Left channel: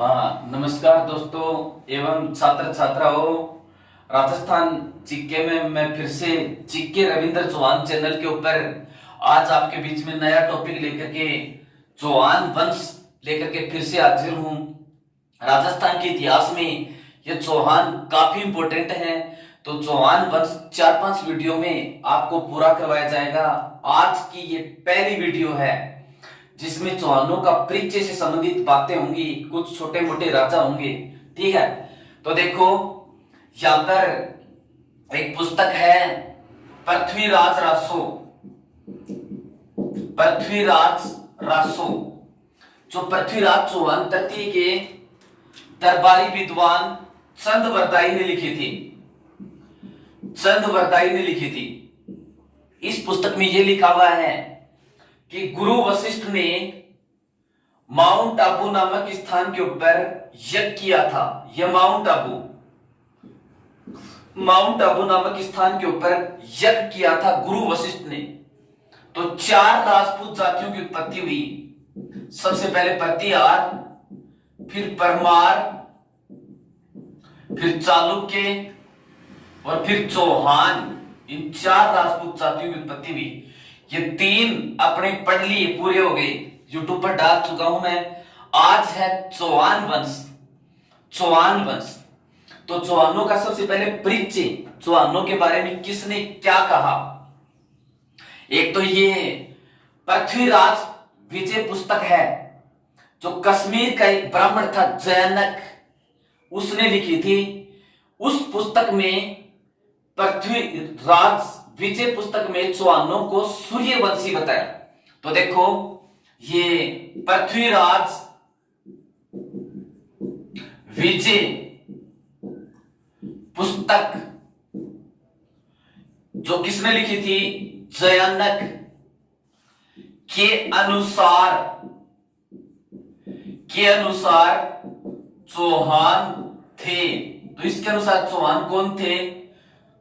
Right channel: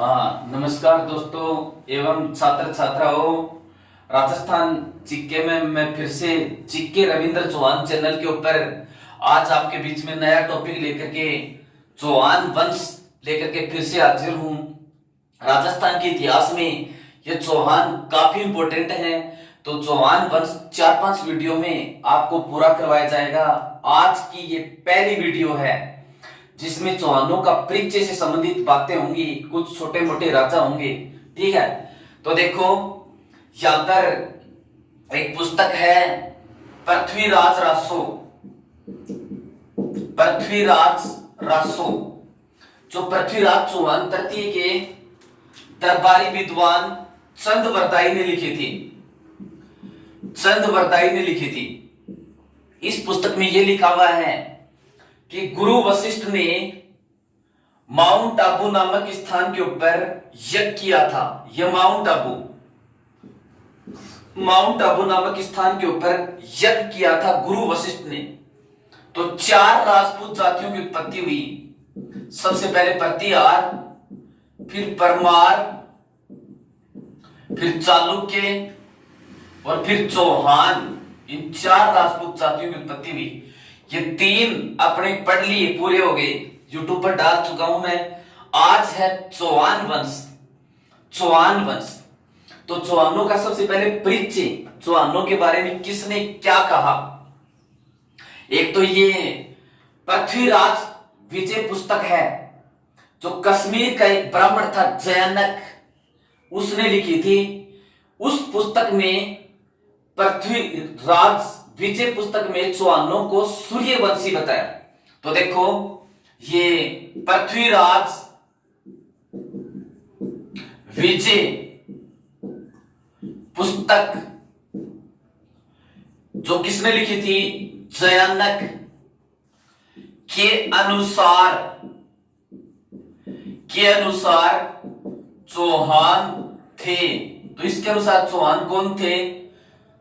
हाँ, नमस्कार दोस्तों एवं छात्र छात्राओं। राजस्थान जीके में मैं फिर से जीके रविंद्र चौहान चैनल के ऊपर आज आपके बीच में नया टॉपिक लेकर के चौहान वंश लेकर के फिर से हाजिर हूँ। राजस्थान के इतिहास में ये चौहान काफी इंपॉर्टेंट है, तो चौहान वंश 4-5 वीडियो में आपको पूरा करवाया जाएगा। आज की ये पहली वीडियो है जिसमें चौहानों का परिचय से संबंधित बातें होंगी, कुछ छोटे मोटे राजा होंगे। ठीक है, तो देखो यहां पर एक पुस्तक है पृथ्वीराज रासो। पृथ्वीराज रासो जो पृथ्वीराज चौहान तृतीय के दरबारी विद्वान चंद बरदाई ने लिखी थी। चंद बरदाई ने लिखी थी। इस पुस्तक में यह लिखा हुआ है कि गुरु वशिष्ठ ने माउंट आबू नामक स्थान के ऊपर यज्ञ किया था। यह माउंट आबू नामक स्थान के ऊपर यज्ञ किया था गुरु वशिष्ठ ने। तो 4 राजपूत जातियों की उत्पत्ति हुई। सबसे पहले प्रतिहार, फिर परमार, फिर चालुक्य और फिर चौहान। इन 4 राजपूत जातियों की उत्पत्ति हुई। ये 3 अपने पढ़ लिए, पूरे हो गए, यूट्यूब पर डाल चुका हूं मैं। आज है चौहान वंश। चौहान वंश तो चौहानों का सबसे पहले परिचय, चौहानों के बारे में किसने क्या कहा। एक तो ये पृथ्वीराज विजय पुस्तक है जो कश्मीर का एक ब्राह्मण था जयनक, उसने लिखी थी। उस पुस्तक में पृथ्वीराज विजय पुस्तक में चौहानों को सूर्यवंशी बताया। तो देखो ये पृथ्वीराज विजय पुस्तक जो किसने लिखी थी, जयनक के अनुसार चौहान थे। तो इसके अनुसार चौहान कौन थे?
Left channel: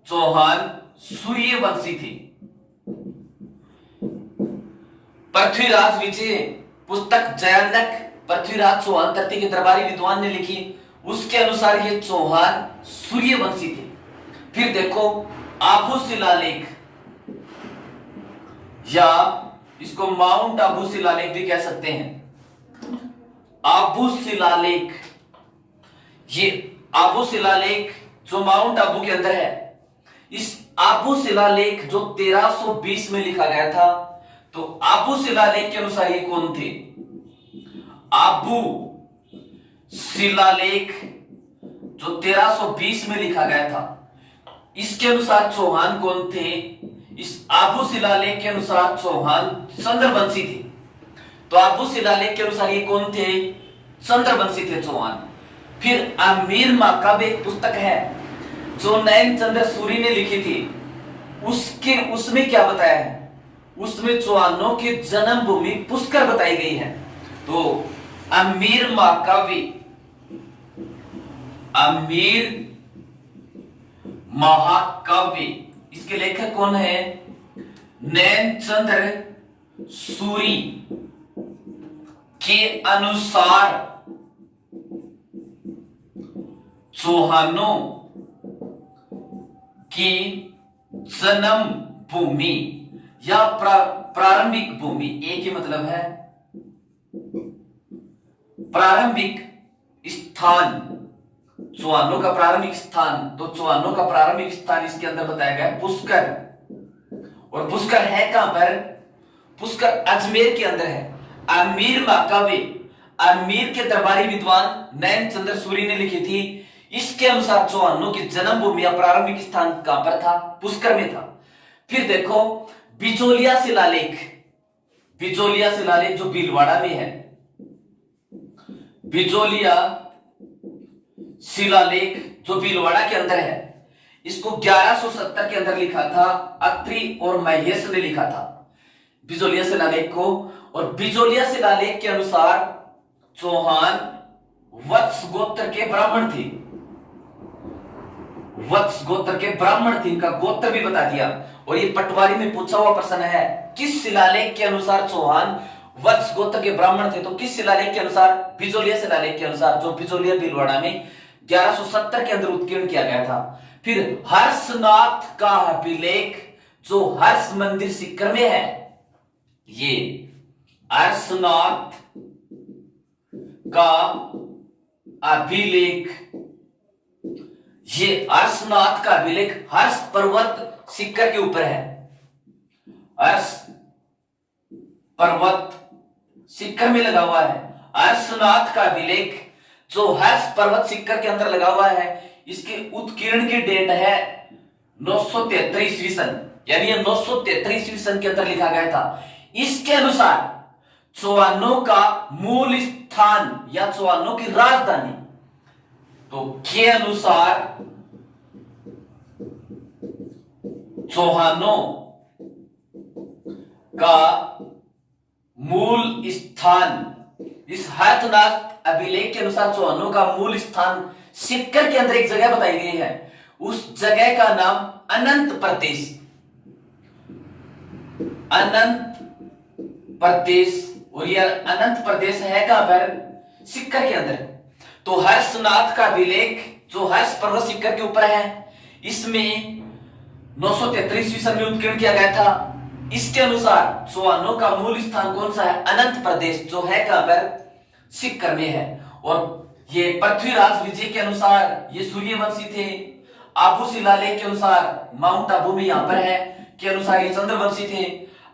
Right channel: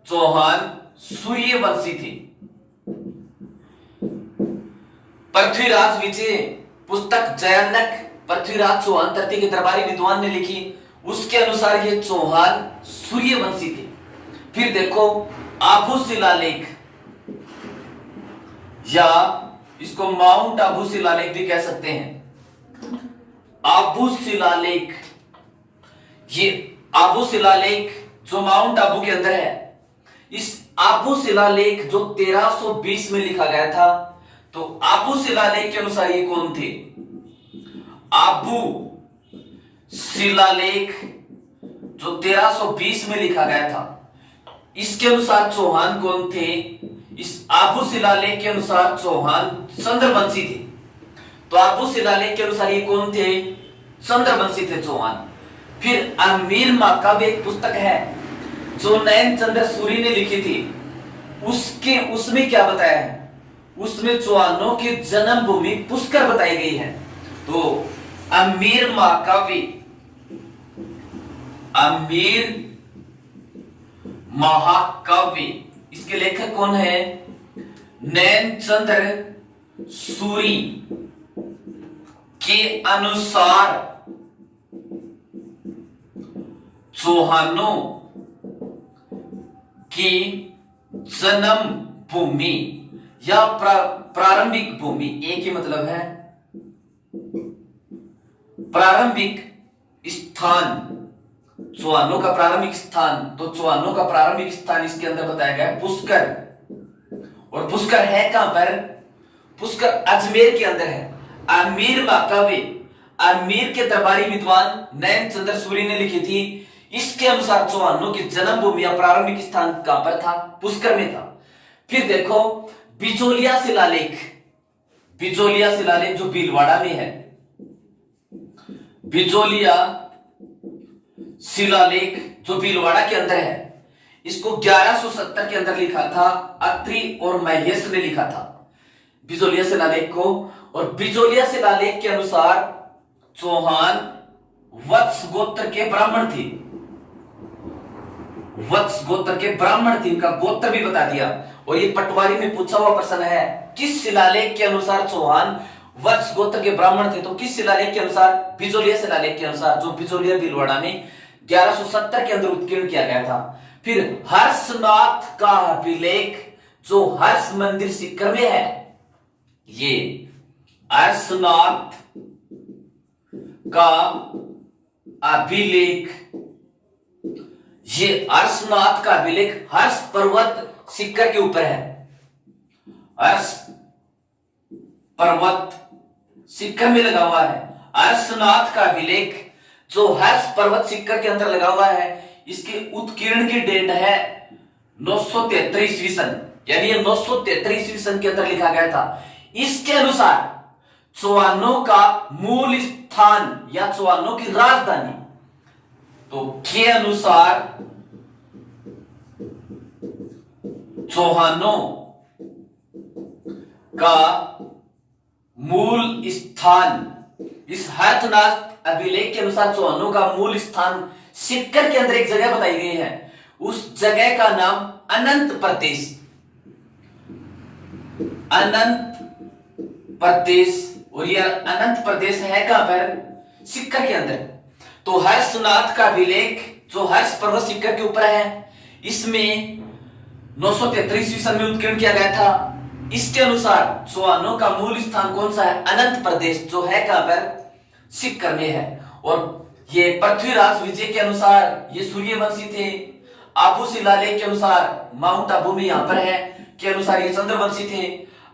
चौहान सूर्यवंशी थे। पृथ्वीराज विजय पुस्तक जयनक पृथ्वीराज चौहान तृतीय के दरबारी विद्वान ने लिखी, उसके अनुसार ये चौहान सूर्यवंशी थे। फिर देखो आबू शिलालेख, या इसको माउंट आबू शिलालेख भी कह सकते हैं। आबू शिलालेख, ये आबू शिलालेख जो माउंट आबू के अंदर है, इस आबू शिलालेख जो 1320 में लिखा गया था। तो आबू शिलालेख के अनुसार ये कौन थे? आबू शिलालेख जो 1320 में लिखा गया था, इसके अनुसार चौहान कौन थे? इस आबू शिलालेख के अनुसार चौहान चंद्रवंशी थे। तो आबू शिलालेख के अनुसार ये कौन थे? चंद्रवंशी थे चौहान। फिर अमीर माकाब एक पुस्तक है जो नयन चंद्र सूरी ने लिखी थी। उसमें क्या बताया है? उसमें चौहानों की जन्म भूमि पुष्कर बताई गई है। तो अमीर महाकाव्य इसके लेखक कौन है? नयन चंद्र सूरी के अनुसार चौहानों की जन्म भूमि या प्रारंभिक भूमि, एक ही मतलब है, प्रारंभिक स्थान, चौहानों का प्रारंभिक स्थान। तो चौहानों का प्रारंभिक स्थान इसके अंदर बताया गया है पुष्कर। और पुष्कर है कहां पर? पुष्कर अजमेर के अंदर है। अमीर माकाव्य अजमेर के दरबारी विद्वान नयन चंद्र सूरी ने लिखी थी। इसके अनुसार चौहानों की जन्मभूमि या प्रारंभिक स्थान कहां पर था? पुष्कर में था। फिर देखो बिजोलिया शिलालेख, बिजोलिया शिलालेख जो भीलवाड़ा में है। बिजोलिया शिलालेख जो भीलवाड़ा के अंदर है, इसको 1170 के अंदर लिखा था। अत्रि और महेश ने लिखा था बिजोलिया शिलालेख को। और बिजोलिया शिलालेख के अनुसार चौहान वत्स गोत्र के ब्राह्मण थे। वत्स गोत्र के ब्राह्मण थे, इनका गोत्र भी बता दिया। और ये पटवारी में पूछा हुआ प्रश्न है, किस शिलालेख के अनुसार चौहान वत्स गोत्र के ब्राह्मण थे। तो किस शिलालेख के अनुसार? बिजोलिया शिलालेख के अनुसार, जो बिजोलिया भीलवाड़ा में 1170 के अंदर उत्कीर्ण किया गया था। फिर हर्षनाथ का अभिलेख जो हर्ष मंदिर सीकर में है, ये हर्षनाथ का अभिलेख, ये हर्षनाथ का अभिलेख हर्ष पर्वत सीकर के ऊपर है। हर्ष पर्वत सीकर में लगा हुआ है। हर्षनाथ का अभिलेख जो हर्ष पर्वत सीकर के अंदर लगा हुआ है, इसके उत्कीर्ण की डेट है 973 ईस्वी सन, यानी ये 973 ईस्वी सन के अंदर लिखा गया था। इसके अनुसार चौहानों का मूल स्थान या चौहानों की राजधानी, तो के अनुसार चौहानों का मूल स्थान, इस हर्षनाथ अभिलेख के अनुसार चौहानों का मूल स्थान सीकर के अंदर एक जगह बताई गई है। उस जगह का नाम अनंत प्रदेश, अनंत प्रदेश, और यह अनंत प्रदेश है कहां पर? सीकर के अंदर। तो हर्षनाथ का अभिलेख जो हर्ष पर्वत सीकर के ऊपर है, इसमें 973 ईस्वी सन में उत्कीर्ण किया गया था। इसके अनुसार चौहानों का मूल स्थान कौन सा है? अनंत प्रदेश, जो है कहां पर? सीकर में है। और ये पृथ्वीराज विजय के अनुसार ये सूर्यवंशी थे। आबू शिलालेख के अनुसार माउंट आबू में यहां पर है के अनुसार ये चंद्रवंशी थे।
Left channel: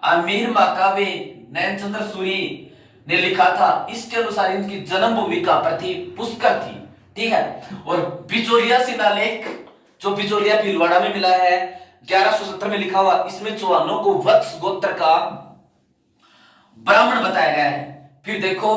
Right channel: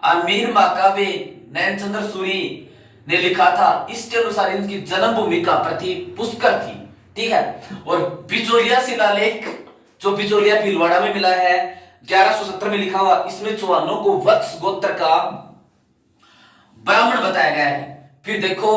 अमीर माकावे नैनचंद्र सूरी ने लिखा था, इसके अनुसार इनकी जन्मभूमि का प्रति पुष्कर थी। ठीक है। और बिजोलिया शिलालेख जो बिजोलिया भीलवाड़ा में मिला है 1170 में लिखा हुआ, इसमें चौहानों को वत्स गोत्र का ब्राह्मण बताया गया है। फिर देखो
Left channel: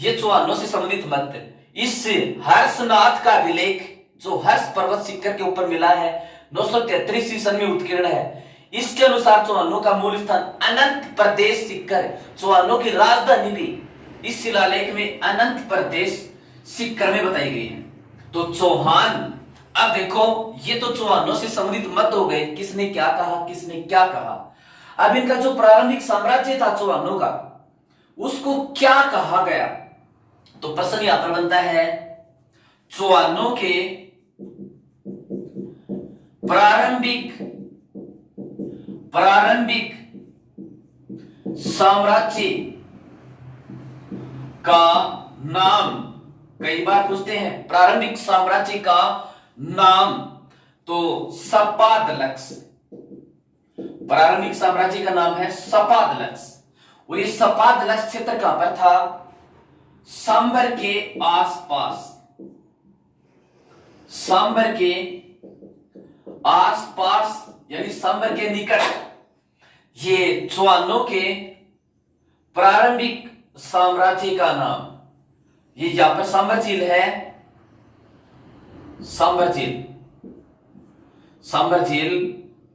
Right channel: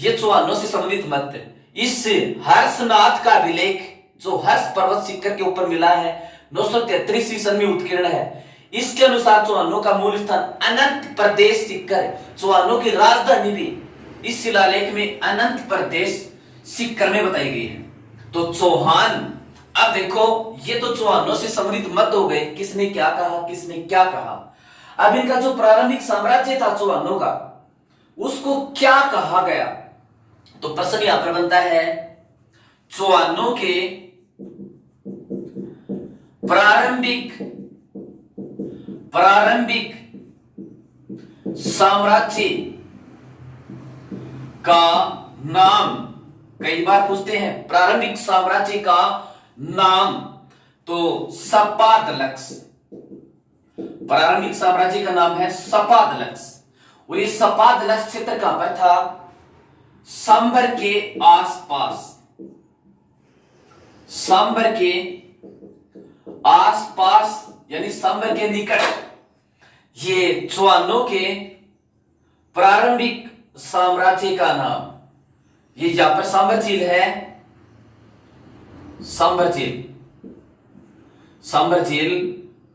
ये चौहानों से संबंधित मत, इस हर्षनाथ का अभिलेख जो हर्ष पर्वत सीकर के ऊपर मिला है 973 ईस्वी सन में उत्कीर्ण है। इसके अनुसार चौहानों का मूल स्थान अनंत प्रदेश सीकर, चौहानों की राजधानी भी इस शिलालेख में अनंत प्रदेश सीकर में बताई गई है। तो चौहान, अब देखो ये तो चौहानों से संबंधित मत हो गए, किसने क्या कहा, किसने क्या कहा। अब इनका जो प्रारंभिक साम्राज्य था चौहानों का, उसको क्या कहा गया? तो प्रश्न यहां पर बनता है, चौहानों के प्रारंभिक साम्राज्य का नाम, कई बार पूछते हैं प्रारंभिक साम्राज्य का नाम, तो सपादलक्स, प्रारंभिक साम्राज्य का नाम है सपादलक्स। और ये सपादलक्स क्षेत्र कहां पर था? सांबर के आसपास, सांबर के आसपास यानी सांबर के निकट ये चौहानों के प्रारंभिक साम्राज्य का नाम, ये यहां पर सांबर झील है, सांबर झील, सांबर झील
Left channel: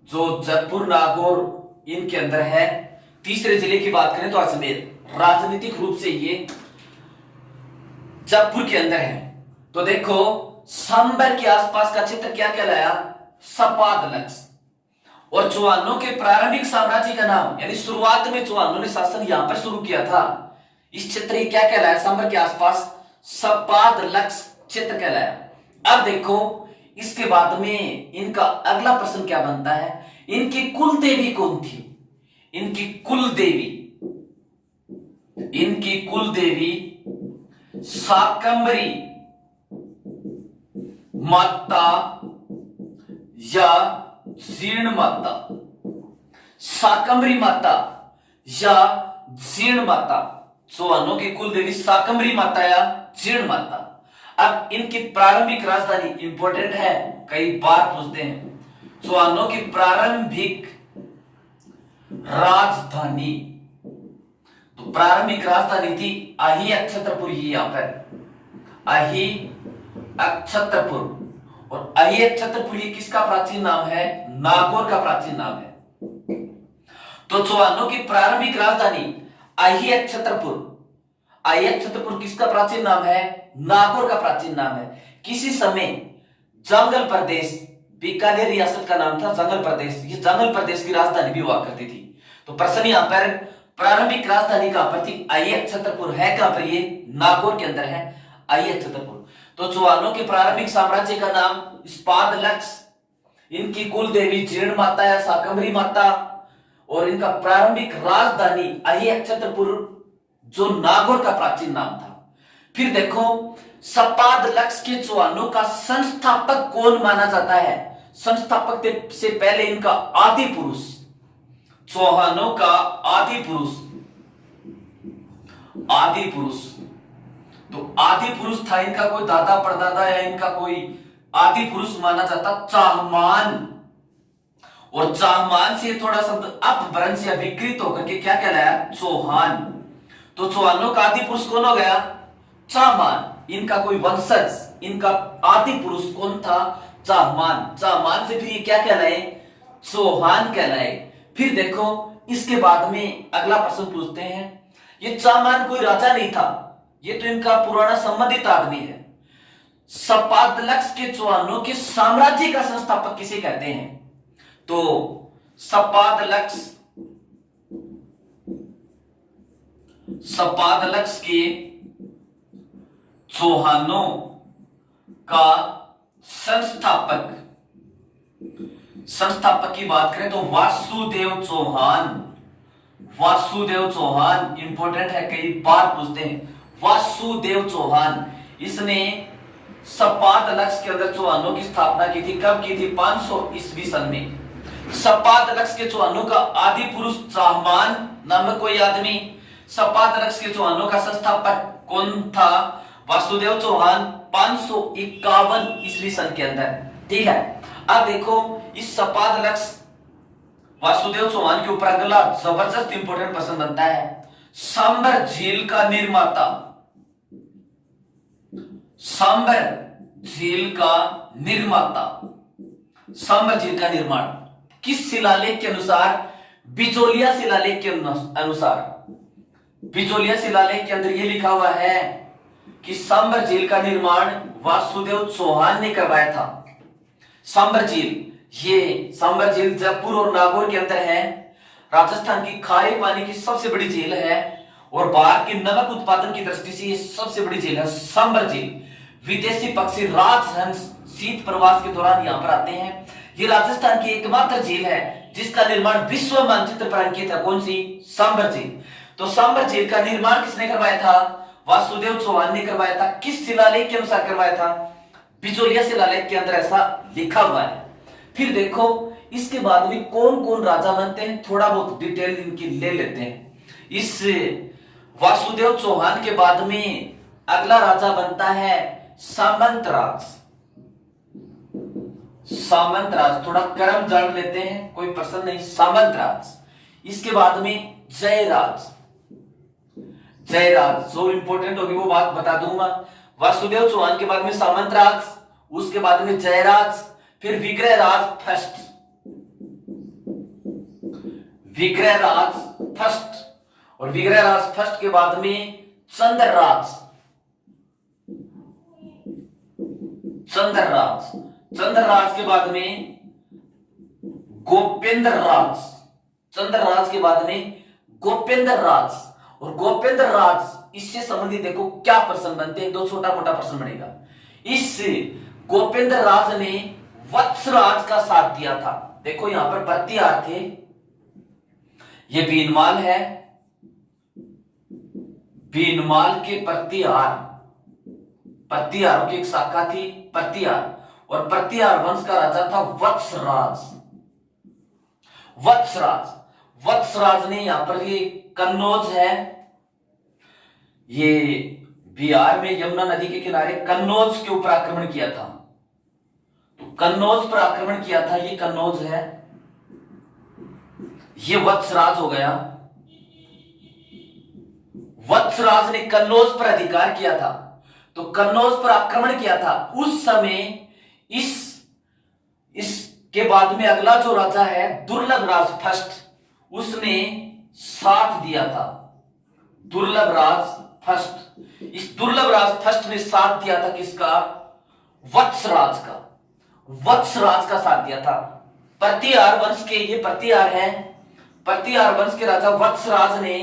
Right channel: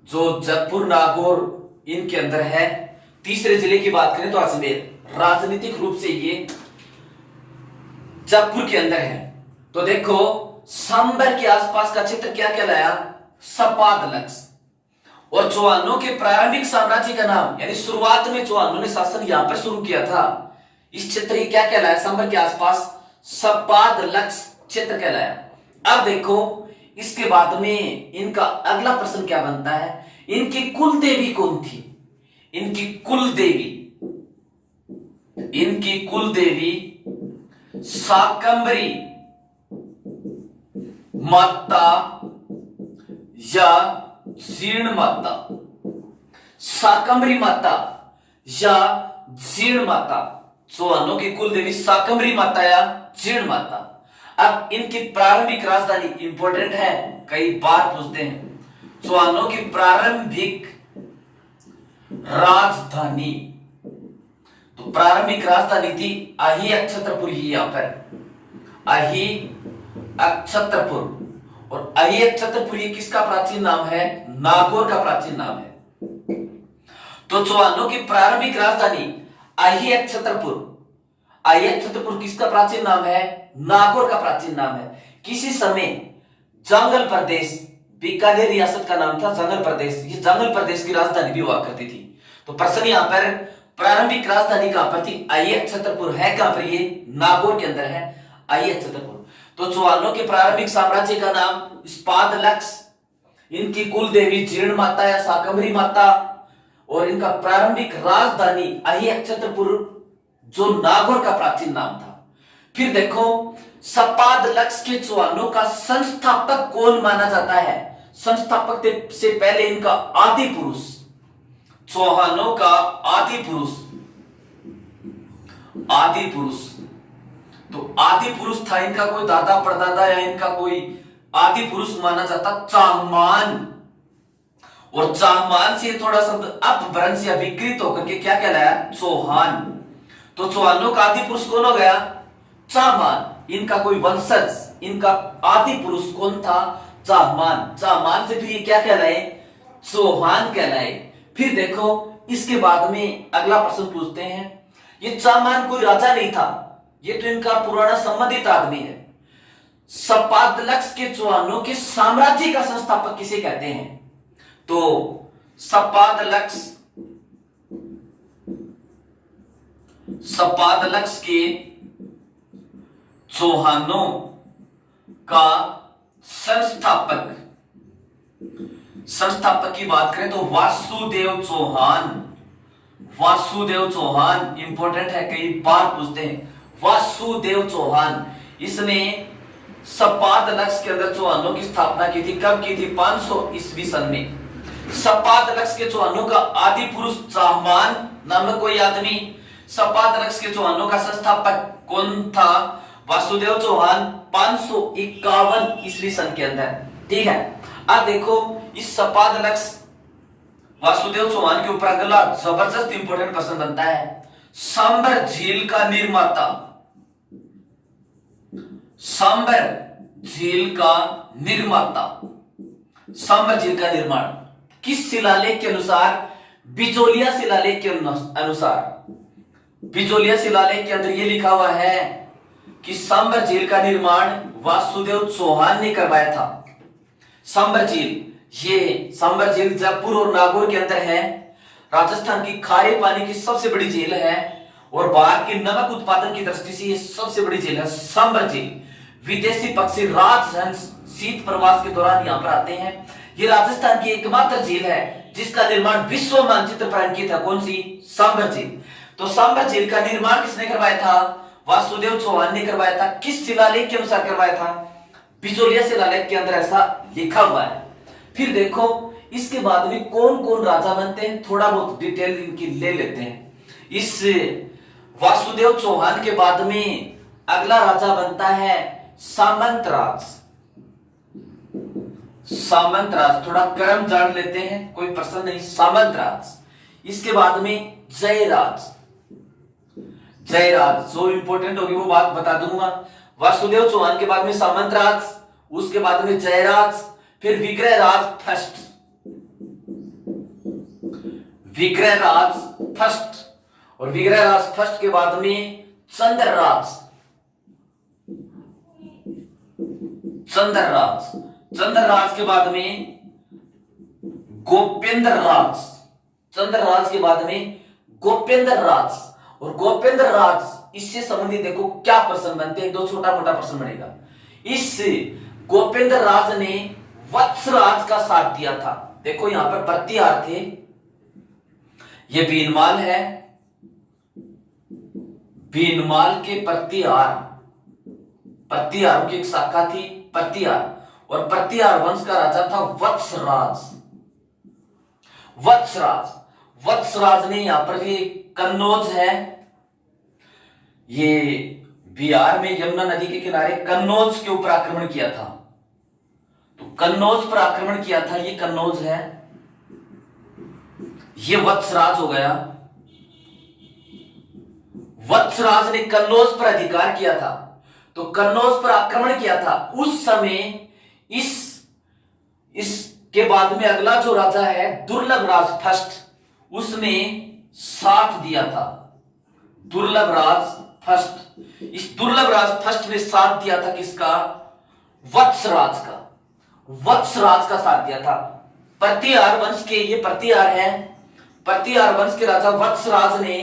जो जयपुर नागौर इनके अंदर है। तीसरे जिले की बात करें तो अजमेर, राजनीतिक रूप से ये जयपुर के अंदर है। तो देखो सांबर के आसपास का क्षेत्र क्या कहलाया? सपादलक्स। और चौहानों के प्रारंभिक साम्राज्य का नाम, यानी शुरुआत में चौहानों ने शासन यहां पर शुरू किया था, इस क्षेत्र क्या कहलाया? सांबर के आसपास सपादलक्स क्षेत्र कहलाया। अब देखो इसके बाद में इनका अगला प्रश्न क्या बनता है? इनकी कुल देवी कौन थी? इनकी कुल देवी, इनकी कुल देवी शाकंभरी माता या जीर्ण माता, शाकंभरी माता या जीर्ण माता। चौहानों की कुल देवी शाकंभरी माता या जीर्ण माता। अब इनकी प्रारंभिक राजधानी इंपॉर्टेंट है, कई बार पूछते हैं। चौहानों की प्रारंभिक राजधानी, तो प्रारंभिक राजधानी थी अही अक्षत्रपुर, यहां पर अही अक्षत्रपुर। और अही अक्षत्रपुर ये किसका प्राचीन नाम है? नागौर का प्राचीन नाम है। तो चौहानों की प्रारंभिक राजधानी अही अक्षत्रपुर, अही अक्षत्रपुर किसका प्राचीन नाम है? नागौर का प्राचीन नाम है। किसी समय जंगल प्रदेश, बीकानेर रियासत का नाम था जंगल प्रदेश, ये जंगल प्रदेश की राजधानी भी हुआ करती थी। तो प्रश्न यहां पर प्रारंभिक राजधानी कहां पर थी? आइए छतरपुर है कहां पर? ये नागौर के अंदर है। आइए छतरपुर। तो चौहानों के प्रारंभिक साम्राज्य का नाम स्पादलक्ष, इनकी कुल देवी जीर्ण माता या शाकंभरी माता, और इनका प्रारंभिक राजधानी आइए छतरपुर, जो नागौर का प्राचीन नाम था। फिर देखो सपादलक्ष के चौहानों का संस्थापक कौन माना जाता है? संस्थापक से पहले इनका आदि पुरुष, चौहानों का आदि पुरुष, आदि पुरुष, तो आदि पुरुष था इनका कोई दादा परदादा या इनका कोई आदि पुरुष माना जाता चाहमान। और चाहमान से थोड़ा शब्द अपभ्रंश या विकृत होकर के क्या कहलाया? चौहान। तो चौहानों का आदि पुरुष कौन हो गया? चाहमान। इनका कोई वंशज, इनका आदि पुरुष कौन था? चाहमान। चाहमान से फिर ये क्या कहलाए? चौहान कहलाए। फिर देखो इसके बाद में अगला प्रश्न पूछते हैं, ये चाहमान कोई राजा नहीं था, ये तो इनका पुराना संबंधित आदमी है। सपादलक्ष के चौहानों के साम्राज्य का संस्थापक किसे कहते हैं? तो सपादलक्ष के चौहानों का संस्थापक की बात करें तो वासुदेव चौहान। वासुदेव चौहान इंपॉर्टेंट है, कई बार पूछते हैं। वासुदेव चौहान, इसने सपादलक्ष के अंदर चौहानों की स्थापना की थी। कब की थी? 500 ईस्वी सन में। सपादलक्ष के चौहानों का आदि पुरुष चाहमान नामक कोई आदमी। सपादलक्ष के चौहानों का संस्थापक कौन था? वासुदेव चौहान, 551 ईस्वी सन के अंदर। ठीक है। अब देखो इस सपादलक्ष वासुदेव चौहान के ऊपर अगला जबरदस्त इंपोर्टेंट प्रश्न बनता है। सांबर झील का निर्माता, सांबर झील का निर्माता, सांबर झील का निर्माण किस शिलालेख के अनुसार? बिजोलिया शिलालेख के अनुसार। बिजोलिया शिलालेख के अंदर यह लिखा हुआ है कि सांबर झील का निर्माण वासुदेव चौहान ने करवाया था। सांबर झील, ये सांबर झील जयपुर और नागौर के अंदर है। राजस्थान की खारे पानी की सबसे बड़ी झील है और भारत के नमक उत्पादन की दृष्टि से ये सबसे बड़ी झील है सांबर झील। विदेशी पक्षी राजहंस शीत प्रवास के दौरान यहाँ पर आते हैं। ये राजस्थान की एकमात्र झील है जिसका निर्माण विश्व मानचित्र पर अंकित है। कौन सी? सांबर झील। तो सांबर झील का निर्माण किसने करवाया था? वासुदेव चौहान ने करवाया था। किस शिलालेख के अनुसार करवाया था? बिजोलिया शिलालेख के अंदर ऐसा लिखा हुआ है। फिर देखो इसके बाद में कौन कौन राजा बनते हैं, थोड़ा बहुत डिटेल इनकी ले लेते हैं। इस वासुदेव चौहान के बाद में अगला राजा बनता है सामंतराज। सामंतराज, थोड़ा क्रम जान लेते हैं, कोई प्रश्न नहीं। सामंतराज। इसके बाद में जयराज। जयराज जो इंपोर्टेंट होगी वो बात बता दूंगा। वासुदेव चौहान के बाद में सामंतराज, उसके बाद में जयराज, फिर विग्रहराज फर्स्ट। विग्रहराज फर्स्ट, और विग्रहराज फर्स्ट के बाद में चंद्रराज। चंद्रराज, चंद्रराज के बाद में गोपेंद्र राज। चंद्रराज के बाद में गोपेंद्र राज, और गोपेंद्र राज इससे संबंधित देखो क्या प्रश्न बनते हैं, दो छोटा मोटा प्रश्न बनेगा। इस गोपेंद्र राज ने वत्सराज का साथ दिया था। देखो यहां पर प्रतिहार थे, ये बीनमाल है, बीनमाल के प्रतिहार, प्रतिहारों की एक शाखा थी प्रतिहार, और प्रतिहार वंश का राजा था वत्सराज। वत्सराज, वत्सराज ने यहां पर ये कन्नौज है, ये बिहार में यमुना नदी के किनारे कन्नौज के ऊपर आक्रमण किया था। तो कन्नौज पर आक्रमण किया था, ये कन्नौज है, ये वत्सराज हो गया। वत्सराज ने कन्नौज पर अधिकार किया था, तो कन्नौज पर आक्रमण किया था। उस समय इसके बाद में अगला जो राजा है दुर्लभ राज फर्स्ट, उसने साथ दिया था। दुर्लभ राज फर्स्ट, इस दुर्लभ राज फर्स्ट ने साथ दिया था किसका? वत्सराज का। वत्सराज का साथ दिया था। प्रतिहार वंश के ये प्रतिहार है, प्रतिहार वंश के राजा वत्सराज ने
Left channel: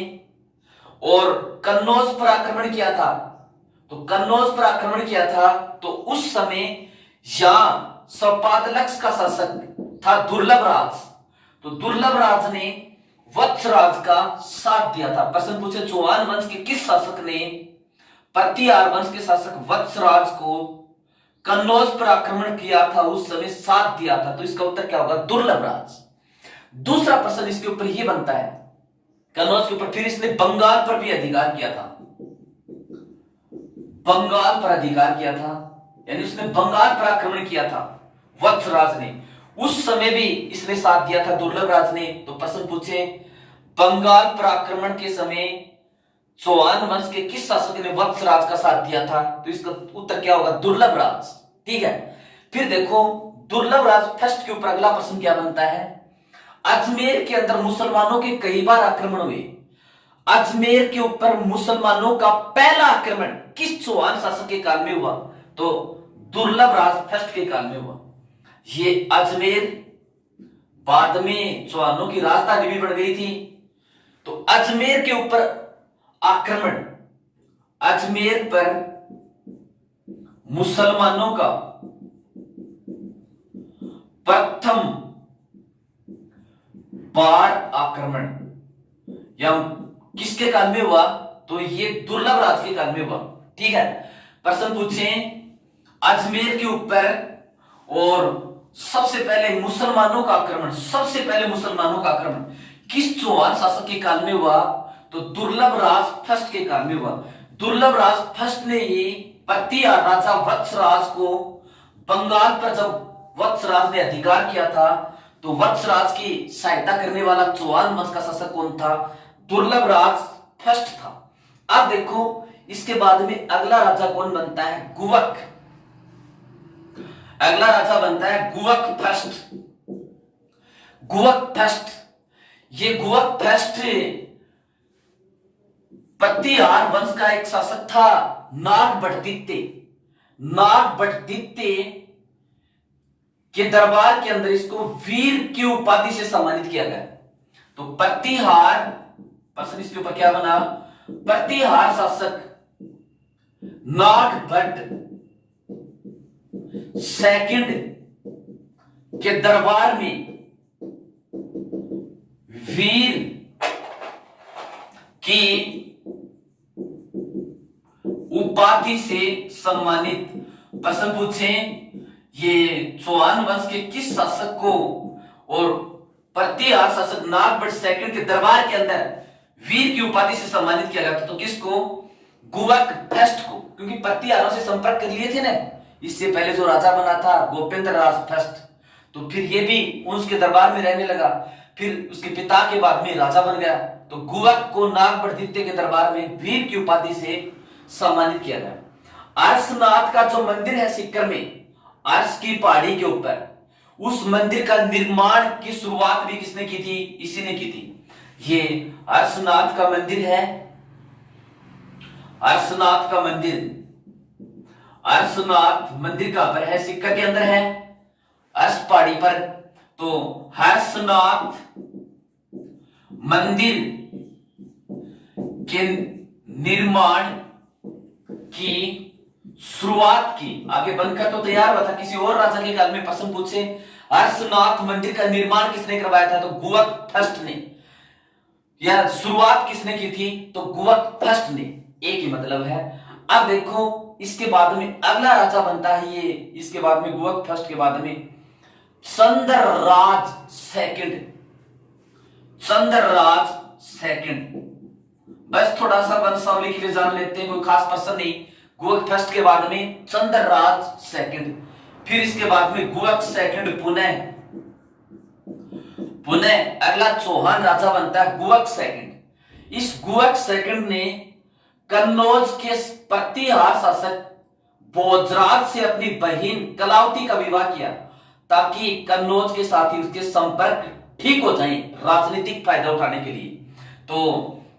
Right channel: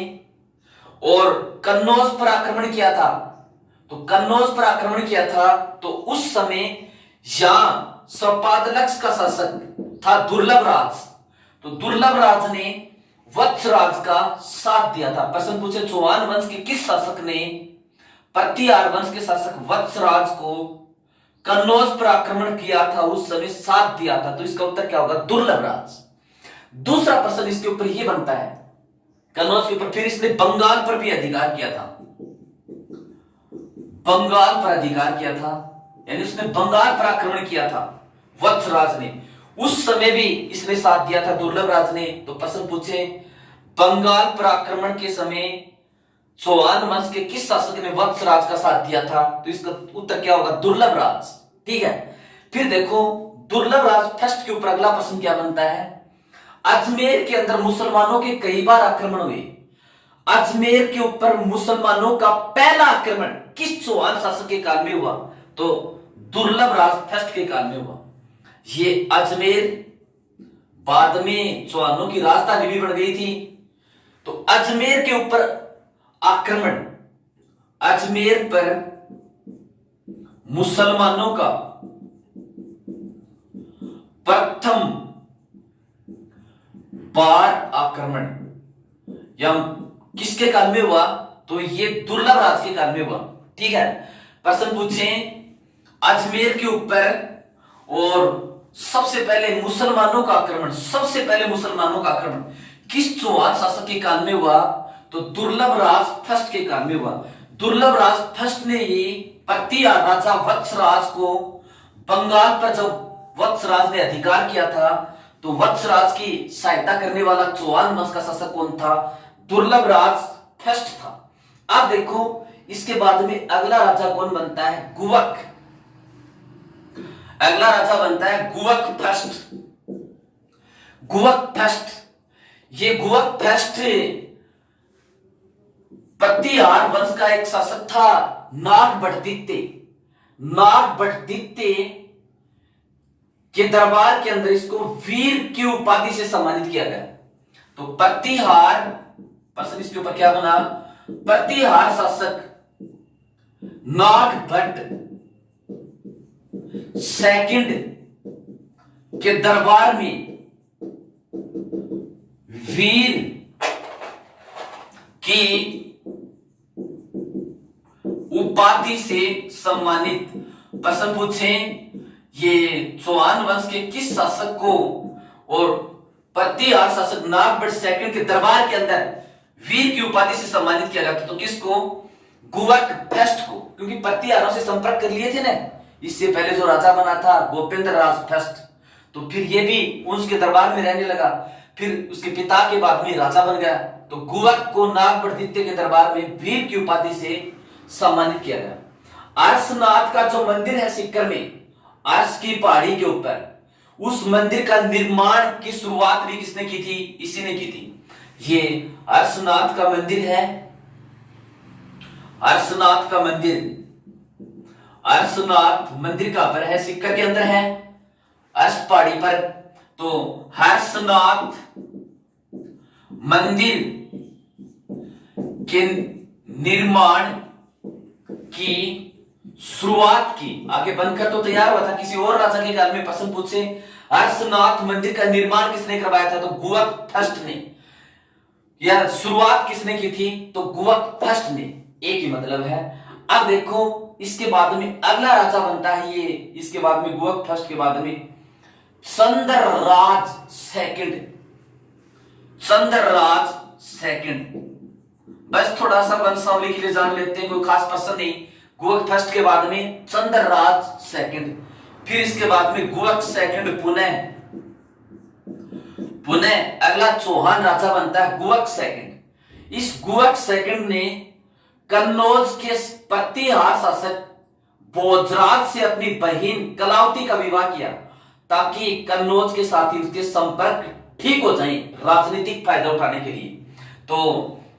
और कन्नौज पर आक्रमण किया था। तो कन्नौज पर आक्रमण किया था तो उस समय यहां सपादलक्ष का शासक था दुर्लभ राज। तो दुर्लभ राज ने वत्सराज का साथ दिया था। प्रश्न पूछे चौहान वंश के किस शासक ने प्रतिहार वंश के शासक वत्सराज को कन्नौज पर आक्रमण किया था, उस समय साथ दिया था? तो इसका उत्तर क्या होगा? दुर्लभ राज। दूसरा प्रश्न इसके ऊपर यह बनता है, कन्नौज के ऊपर फिर इसने बंगाल पर भी अधिकार किया था। बंगाल पर अधिकार किया था, यानी उसने बंगाल पर आक्रमण किया था वत्सराज ने, उस समय भी इसने साथ दिया था दुर्लभ राज ने। तो प्रश्न पूछे बंगाल पर आक्रमण के समय चौहान वंश के किस शासक ने वत्सराज का साथ दिया था? तो इसका उत्तर क्या होगा? दुर्लभ राज। ठीक है, फिर देखो दुर्लभ राज फर्स्ट के ऊपर अगला प्रश्न क्या बनता है, अजमेर के अंदर मुसलमानों के कई बार आक्रमण हुए। अजमेर के ऊपर मुसलमानों का पहला आक्रमण किस चौहान शासक के काल में हुआ? तो दुर्लभ राज फर्स्ट के काल में हुआ। ये अजमेर बाद में चौहानों की राजधानी भी बन गई थी। तो अजमेर के ऊपर आक्रमण, अजमेर पर मुसलमानों का प्रथम बार आक्रमण या किसके काल में हुआ? तो ये दुर्लभ राज के काल में हुआ। ठीक है, प्रश्न पूछे अजमेर के ऊपर और सबसे पहले मुसलमानों का आक्रमण, सबसे पहले मुसलमानों का आक्रमण किस चौहान शासक के काल में हुआ? तो दुर्लभ राज फर्स्ट के काल में हुआ। दुर्लभ राज फर्स्ट ने ही प्रतिहार राजा वत्सराज को बंगाल पर जब वत्सराज ने अधिकार किया था तो वत्सराज की सहायता करने वाला चौहान वंश का शासक कौन था? दुर्लभ राज फर्स्ट था। अब देखो इसके बाद में अगला राजा कौन बनता है? गुवक। अगला राजा बनता है गुवक फर्स्ट। गुवक फर्स्ट, ये गुवक फर्स्ट प्रतिहार वंश का एक शासक था नागभट्टित्य। नागभट्टित्य के दरबार के अंदर इसको वीर की उपाधि से सम्मानित किया गया। तो प्रतिहार प्रश्न इसके ऊपर क्या बना? प्रतिहार शासक नागभट्ट सेकंड के दरबार में वीर की उपाधि से सम्मानित। प्रश्न पूछे ये चौहान वंश के किस शासक को और प्रतिहार शासक नागभट्ट सेकंड के दरबार के अंदर वीर की उपाधि से सम्मानित किया गया था? तो किसको? गुवक फर्स्ट को, क्योंकि प्रतिहारों से संपर्क कर लिए थे ना इससे पहले जो राजा बना था गोपेंद्र राज फर्स्ट, तो फिर ये भी उसके दरबार में रहने लगा, फिर उसके पिता के बाद में राजा बन गया। तो गुवक को नागभट्टित्य के दरबार में वीर की उपाधि से सम्मानित किया गया। अर्शनाथ का जो मंदिर है सीकर में, अर्श की पहाड़ी के ऊपर, उस मंदिर का निर्माण की शुरुआत भी किसने की थी? इसी ने की थी। ये अर्शनाथ का मंदिर है, अर्शनाथ का मंदिर, अर्शनाथ मंदिर कहां पर है? सीकर के अंदर है, अर्श पहाड़ी पर। तो हर्षनाथ मंदिर के निर्माण की शुरुआत की, आगे बनकर तो तैयार हुआ था किसी और राजा के काल में। प्रश्न पूछे हर्षनाथ मंदिर का निर्माण किसने करवाया था? तो गुवक फर्स्ट ने। यह शुरुआत किसने की थी? तो गुवक फर्स्ट ने। एक ही मतलब है। अब देखो इसके बाद में अगला राजा बनता है ये, इसके बाद में गुवक फर्स्ट के बाद में चंद्रराज सेकंड। चंद्रराज सेकंड, बस थोड़ा सा वंशावली के लिए जान लेते हैं, कोई खास प्रश्न नहीं। गुवक फर्स्ट के बाद में चंद्रराज सेकंड, फिर इसके बाद में गुवक सेकंड पुनः अगला चौहान राजा बनता है गुवक सेकंड। इस गुवक सेकंड ने कन्नौज के प्रतिहार शासक भोजराज से अपनी बहन कलावती का विवाह किया ताकि कन्नौज के साथ ही उसके संपर्क ठीक हो जाएं राजनीतिक फायदा उठाने के लिए। तो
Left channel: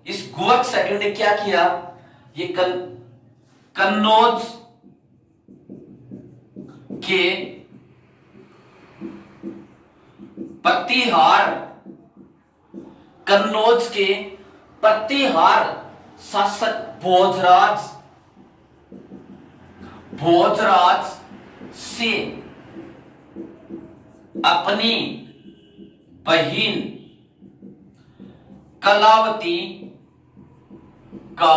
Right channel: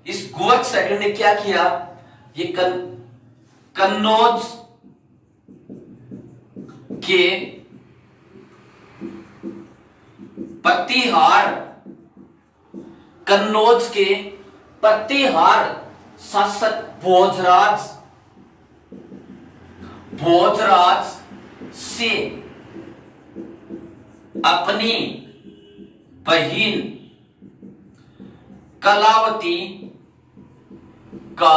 इस गुवक सेकंड ने क्या किया? ये कन्नौज के प्रतिहार कन्नौज के प्रतिहार शासक भोजराज से अपनी बहन कलावती का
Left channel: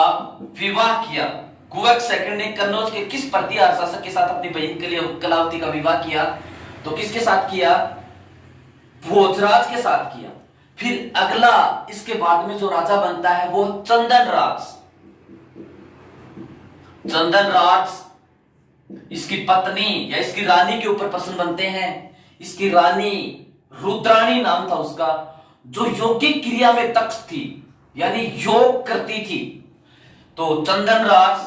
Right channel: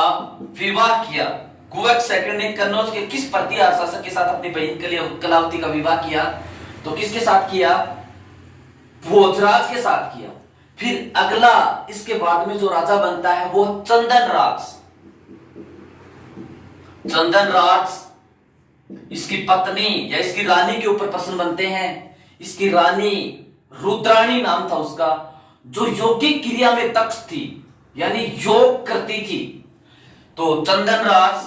विवाह किया। गुगक सेकंड ने कन्नौज के किस प्रतिहार शासक के साथ अपनी बहन कलावती का विवाह किया? तो किसके साथ किया? भोजराज के साथ किया। फिर अगला इसके बाद में जो राजा बनता है वो चंदन राज इसकी पत्नी या इसकी रानी के ऊपर पसंद बनते हैं। इसकी रानी रुद्राणी नाम था उसका, जो यौगिक क्रिया में दक्ष थी, यानी योग करती थी। तो चंदन राज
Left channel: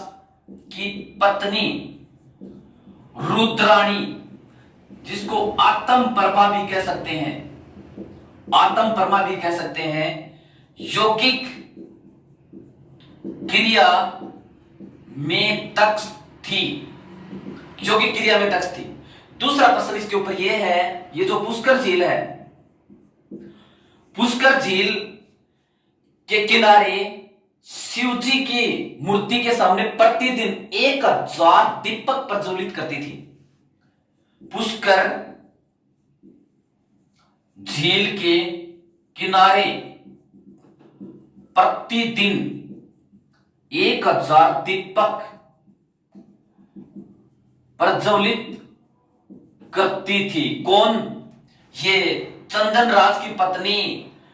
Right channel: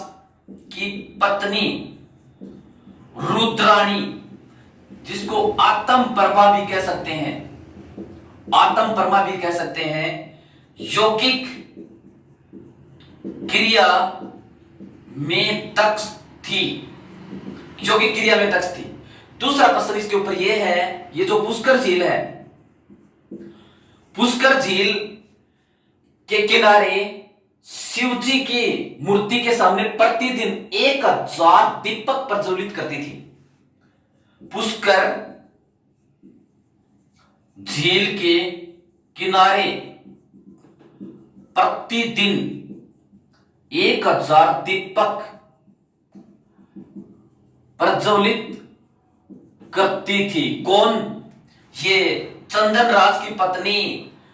की पत्नी रुद्राणी, जिसको आत्म परमा भी कह सकते हैं, यौगिक क्रिया में दक्ष थी, दूसरा प्रश्न इसके ऊपर यह है, ये जो पुष्कर झील है, पुष्कर झील के किनारे शिवजी की मूर्ति के सामने प्रतिदिन 1000 दीपक प्रज्वलित करती थी। पुष्कर झील के किनारे प्रतिदिन 1000 दीपक प्रज्वलित करती थी। कौन? ये चंदन राज की पत्नी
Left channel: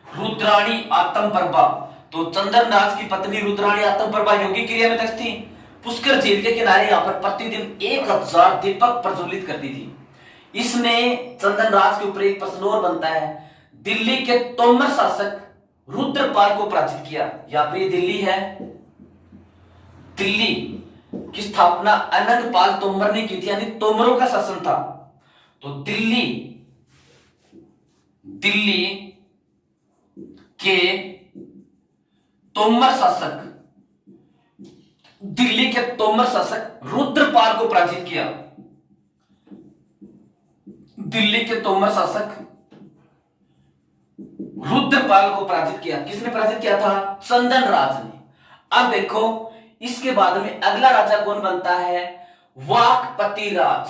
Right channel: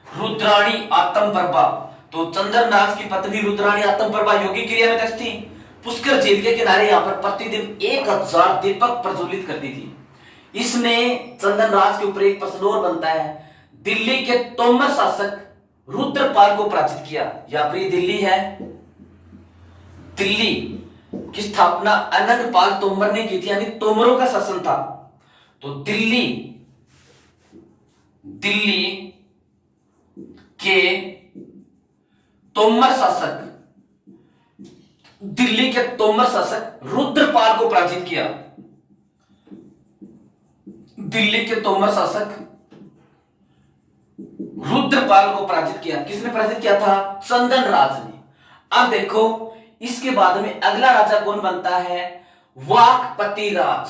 रुद्राणी आत्मप्रभा। तो चंदन राज की पत्नी रुद्राणी आत्मप्रभा यौगिक क्रिया में दक्ष थी। पुष्कर झील के किनारे यहां पर प्रतिदिन 1000 दीपक प्रज्वलित करती थी। इसमें चंदन राज के ऊपर एक प्रश्न और बनता है, दिल्ली के तोमर शासक रुद्रपाल को पराजित किया। यहां पर दिल्ली है, दिल्ली की स्थापना अनंगपाल तोमर ने की थी, यानी तोमरों का शासन था। तो दिल्ली के तोमर शासक रुद्रपाल को पराजित किया। दिल्ली के तोमर शासक रुद्रपाल को पराजित किया। किसने पराजित किया था? चंदन राज ने। अब देखो इसके बाद में अगला राजा कौन बनता है? वाकपति राज।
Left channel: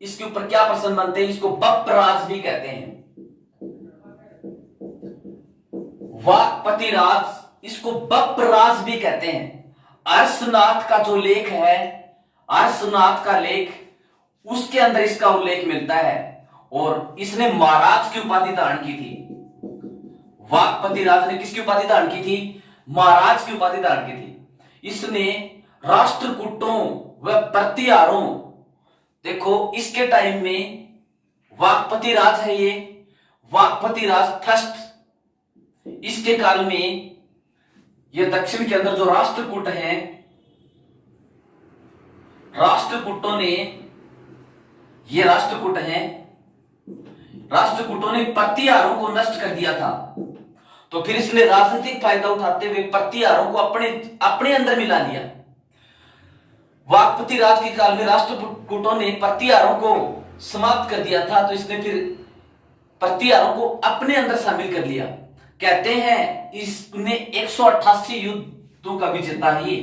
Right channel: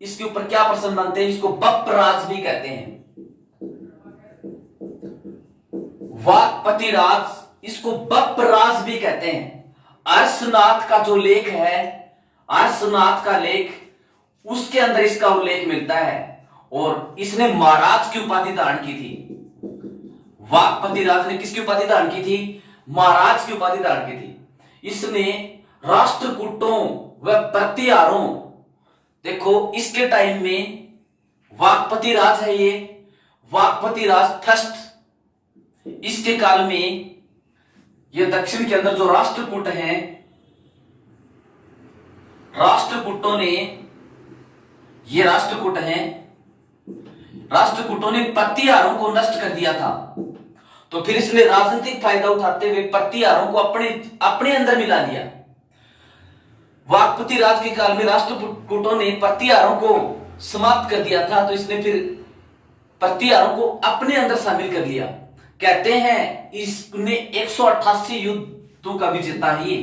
इसके ऊपर क्या प्रश्न बनते हैं? इसको बप्पराज भी कहते हैं। वाकपति राज, इसको बप्पराज भी कहते हैं। अर्शनाथ का जो लेख है, अर्शनाथ का लेख, उसके अंदर इसका उल्लेख मिलता है और इसने महाराज की उपाधि धारण की थी। वाकपति राज ने किसकी उपाधि धारण की थी? महाराज की उपाधि धारण की थी। इसने राष्ट्रकूटों व प्रतिहारों, देखो इसके टाइम में वाकपति राज है, ये वाकपति राज थर्स्ट, इसके काल में ये दक्षिण के अंदर जो राष्ट्रकूट हैं, राष्ट्रकूटों ने, ये राष्ट्रकूटों ने प्रतिहारों को नष्ट कर दिया था। तो फिर इसने राजनीतिक फायदा उठाते हुए प्रतिहारों को अपने अंदर मिला लिया। वाकपति राज के काल में राष्ट्रकूटों ने प्रतिहारों को समाप्त कर दिया था, तो इसने फिर प्रतिहारों को अपने अंदर शामिल कर लिया। कहते हैं इसने 188 युद्धों का भी जीता ही,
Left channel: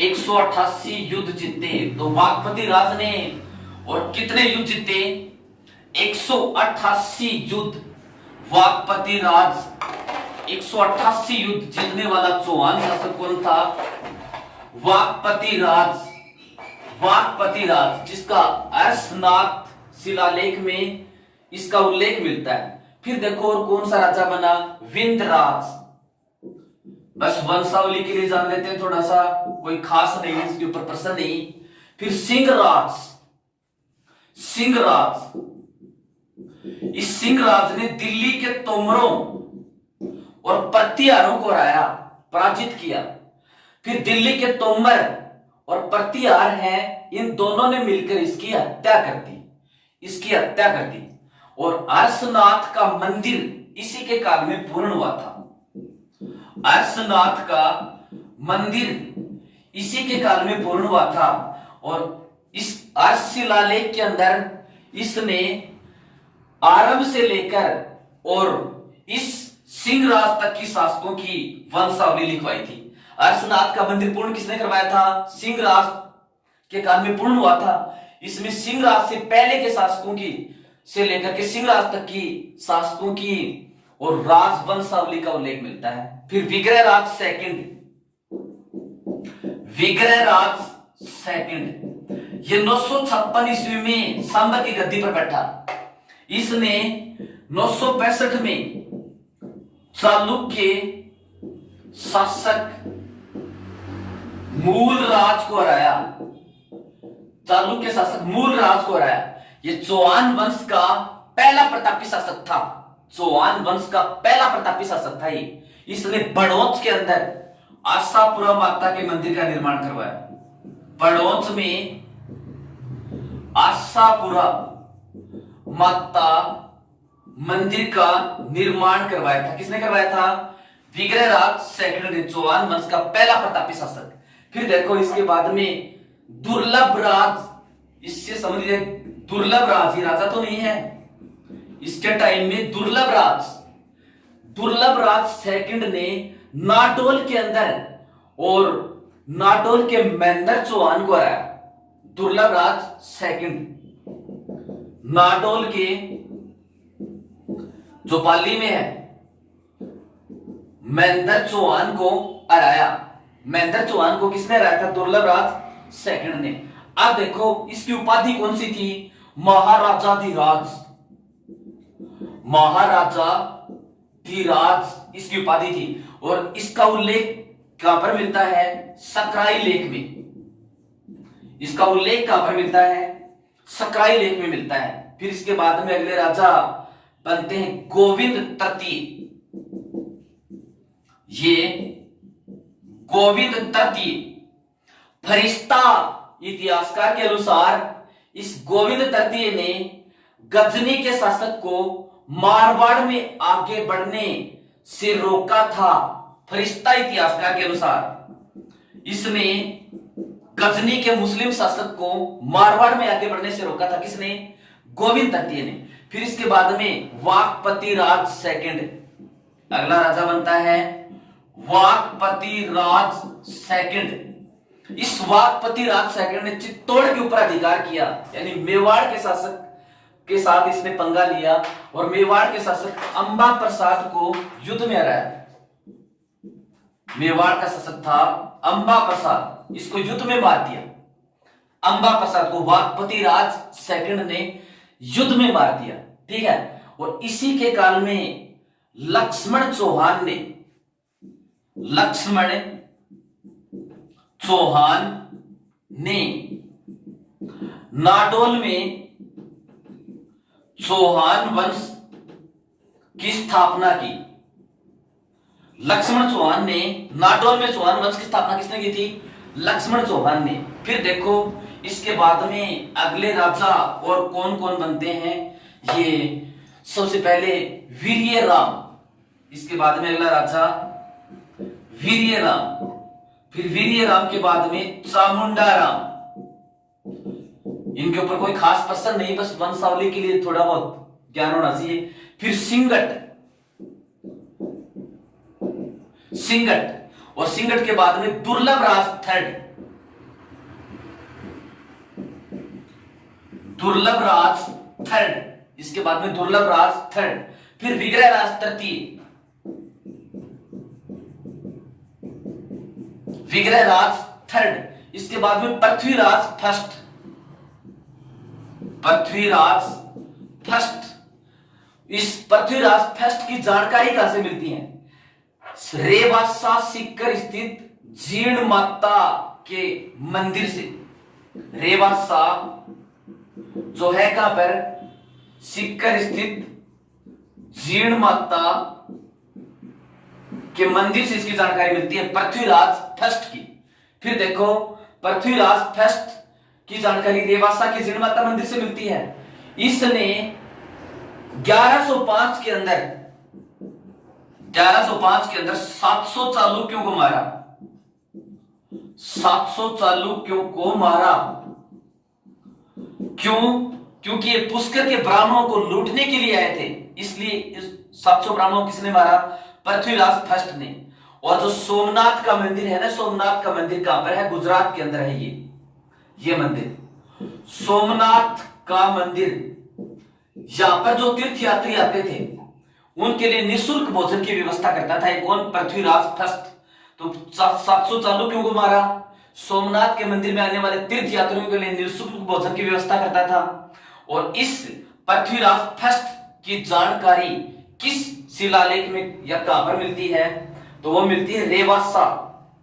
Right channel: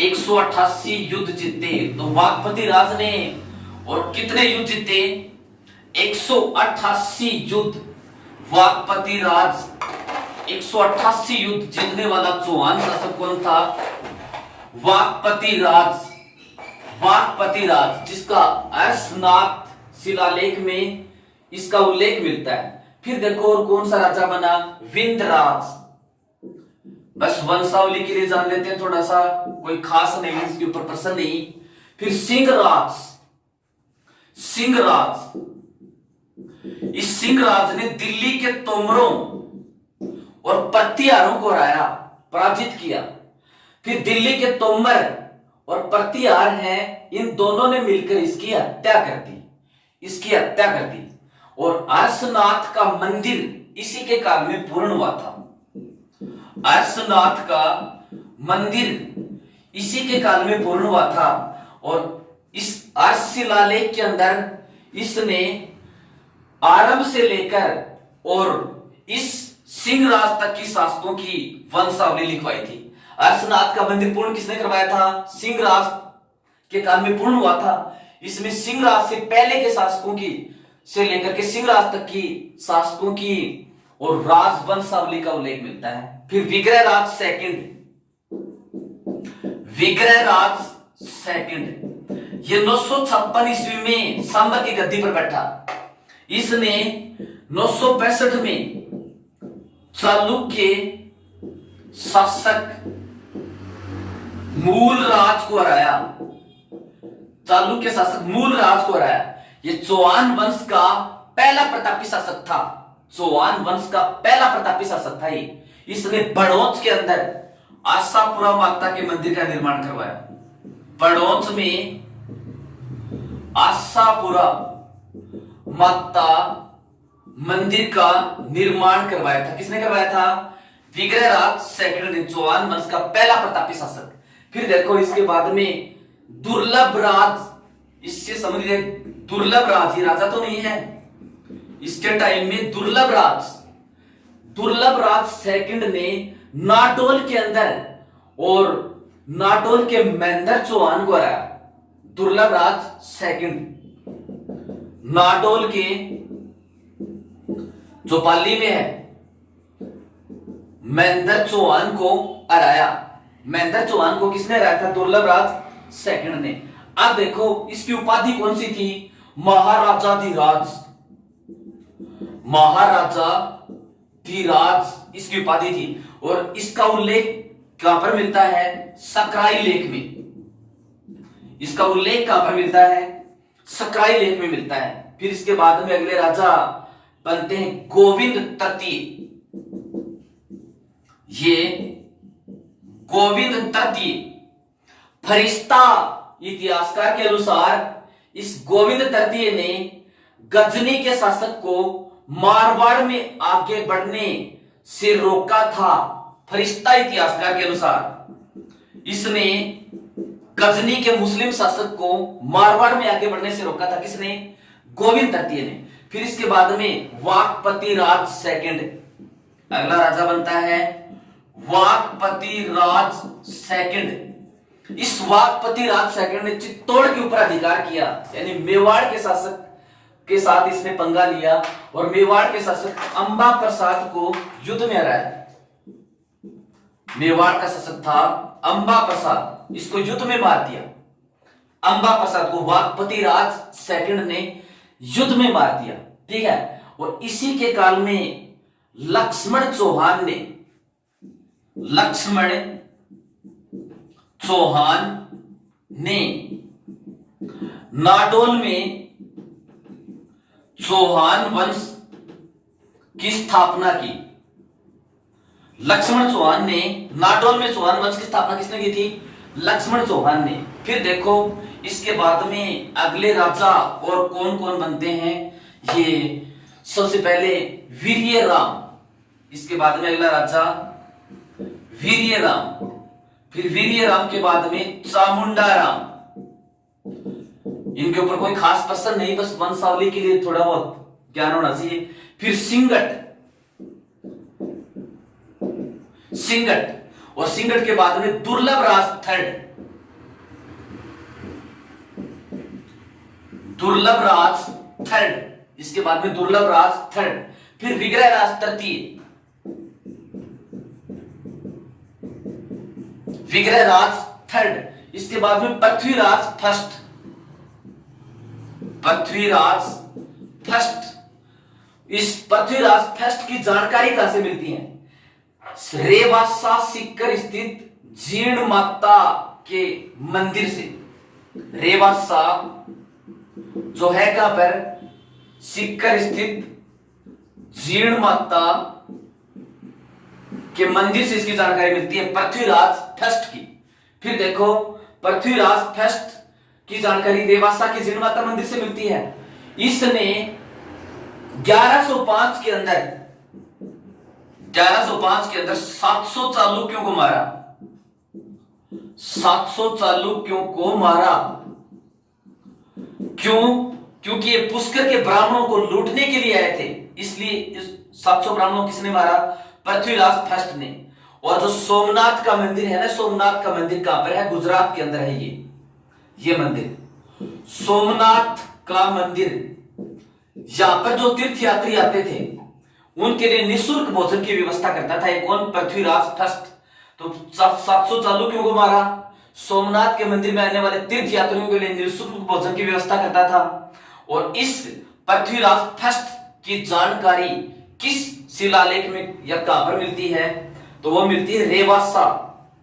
188 युद्ध जीते। तो वाकपति राज ने और कितने युद्ध जीते? 188 युद्ध। वाकपति राज 188 युद्ध जीतने वाला चौहान शासक कौन था? वाकपति राज, जिसका अर्शनाथ शिलालेख में इसका उल्लेख मिलता है। फिर देखो और कौन सा राजा बना? विंध्यराज। बस वंशावली के लिए जान लेते हैं थोड़ा सा, कोई खास नहीं है इसके ऊपर प्रश्न नहीं। फिर सिंहराज। इस सिंहराज ने दिल्ली के तोमरों और प्रतिहारों को हराया, पराजित किया। फिर दिल्ली के तोमर और प्रतिहार हैं, इन दोनों ने मिलकर इसकी हत्या कर दी। और अर्शनाथ का मंदिर इसी के काल में पूर्ण हुआ था। अर्शनाथ का मंदिर इसी के काल में पूर्ण हुआ था। और इस अर्श शिलालेख के अंदर इसने आरंभ से लेकर और इस सिंह राज तक की शासकों की वंशावली लिखवाई थी। अर्शनाथ का मंदिर पूर्ण किसने करवाया था? सिंह राज के काल में पूर्ण हुआ था। इसमें सिंह राज से पहले के शासकों की से लेकर के सिंह राज तक की शासकों की और राजवंशावली का उल्लेख मिलता है। फिर विग्रहराज सेकंड, विग्रहराज सेकंड ये 956 ईस्वी में सांबर की गद्दी पर बैठा। इसने 965 में चालुक्य शासक मूल राज को हराया। चालुक्य शासक मूल राज को हराया। ये चौहान वंश का पहला प्रतापी शासक था। चौहान वंश का पहला प्रतापी शासक था ये। इसने बड़ौच के अंदर आशापुरा माता के मंदिर का निर्माण करवाया। बड़ौच में आशापुरा माता मंदिर का निर्माण करवाया था। किसने करवाया था? विग्रहराज सेकंड ने, चौहान वंश का पहला प्रतापी शासक। फिर देखो इसके बाद में दुर्लभ राज, इससे समझ ले दुर्लभ राज, ये राजा तो नहीं है इसके टाइम में। दुर्लभ राज सेकंड ने नाटोल के अंदर और नाटोल के मेंदर चौहान को हराया। दुर्लभ राज सेकंड नाटोल के जो पाली में है मेंदर चौहान को हराया। मेंदर चौहान को किसने हराया था? दुर्लभ राज सेकंड ने। अब देखो इसकी उपाधि कौन सी थी? महाराजाधिराज। महाराजाधिराज इसकी उपाधि थी। और इसका उल्लेख कहां पर मिलता है? सकराई लेख में। इसका उल्लेख कहां पर मिलता है? सकराई लेख में मिलता है। फिर इसके बाद में अगले राजा बनते हैं गोविंद तृतीय। ये गोविंद तृतीय फरिश्ता इतिहासकार के अनुसार इस गोविंद तृतीय ने गजनी के शासक को मारवाड़ में आगे बढ़ने से रोका था। फरिश्ता इतिहासकार के अनुसार इसने गजनी के मुस्लिम शासक को मारवाड़ में आगे बढ़ने से रोका था। किसने? गोविंद तृतीय ने। फिर इसके बाद में वाकपति राज सेकंड, अगला राजा बनता है वाकपति राज सेकंड। इस वाकपति राज सेकंड ने चित्तौड़ के ऊपर अधिकार किया, यानी मेवाड़ के शासक के साथ इसने पंगा लिया और मेवाड़ के शासक अंबा प्रसाद को युद्ध में हराया। मेवाड़ का शासक था अंबा प्रसाद, इसको युद्ध में मार दिया। अंबा प्रसाद को वाकपति राज सेकंड ने युद्ध में मार दिया। ठीक है। और इसी के काल में लक्ष्मण चौहान ने नाडोल में चौहान वंश की स्थापना की। लक्ष्मण चौहान ने नाडोल में चौहान वंश की स्थापना किसने की थी? लक्ष्मण चौहान ने। फिर देखो इसके बाद में अगले राजा और कौन कौन बनते हैं। ये सबसे पहले वीर्यराम, इसके बाद में अगला राजा वीर्यराम, फिर वीर्यराम के बाद में चामुंडा राम। इनके ऊपर कोई खास पर्सन नहीं, बस वंशावली के लिए थोड़ा बहुत ज्ञान होना चाहिए। फिर सिंगट और सिंगट के बाद में दुर्लभ राज थर्ड, दुर्लभ राज थर्ड, इसके बाद में दुर्लभ राज थर्ड। फिर विग्रह राज तृतीय, विग्रह राज थर्ड, इसके बाद में पृथ्वीराज फर्स्ट, पृथ्वीराज फर्स्ट। इस पृथ्वीराज फर्स्ट की जानकारी कहां से मिलती है? रेवासा सीकर स्थित जीर्ण माता के मंदिर से। रेवासा जो है कहां पर? सीकर स्थित जीर्ण माता के मंदिर से इसकी जानकारी मिलती है, पृथ्वीराज फर्स्ट की। फिर देखो पृथ्वीराज फर्स्ट की जानकारी रेवासा के जीर्ण माता मंदिर से मिलती है। इसने 1105 के अंदर 700 चालुक्यों को मारा। 700 चालुक्यों को मारा। क्यों? क्योंकि ये पुष्कर के ब्राह्मणों को लूटने के लिए आए थे, इसलिए इस 700 ब्राह्मणों किसने मारा? पृथ्वीराज फर्स्ट ने। और जो सोमनाथ का मंदिर है ना, सोमनाथ का मंदिर कहां पर है? गुजरात के अंदर है ये मंदिर, सोमनाथ का मंदिर। यहां पर जो तीर्थ यात्री आते थे उनके लिए निःशुल्क भोजन की व्यवस्था करता था। एक कौन? पृथ्वीराज फर्स्ट। तो 700 चालुक्यों को मारा, सोमनाथ के मंदिर में आने वाले तीर्थ यात्रियों के लिए निःशुल्क भोजन की व्यवस्था करता था। और इस पृथ्वीराज फर्स्ट की जानकारी किस शिलालेख में या कहां पर मिलती है? तो वो मिलती है रेवासा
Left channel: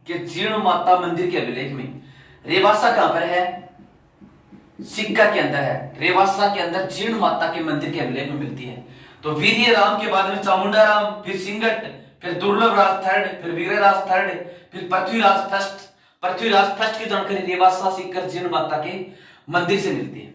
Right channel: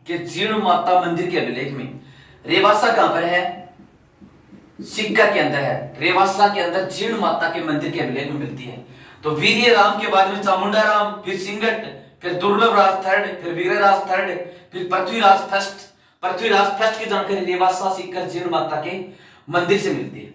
के जीर्ण माता मंदिर के अभिलेख में। रेवासा कहां पर है? सिक्का के अंदर है। रेवासा के अंदर जीर्ण माता के मंदिर के अभिलेख में मिलती है। तो वीर्य राम के बाद में चामुंडा राम, फिर सिंगट, फिर दुर्लभ राज थर्ड, फिर वीरराज थर्ड, फिर पृथ्वीराज फर्स्ट। पृथ्वीराज फर्स्ट की जानकारी रेवासा सिक्कर जीर्ण माता के मंदिर से मिलती है।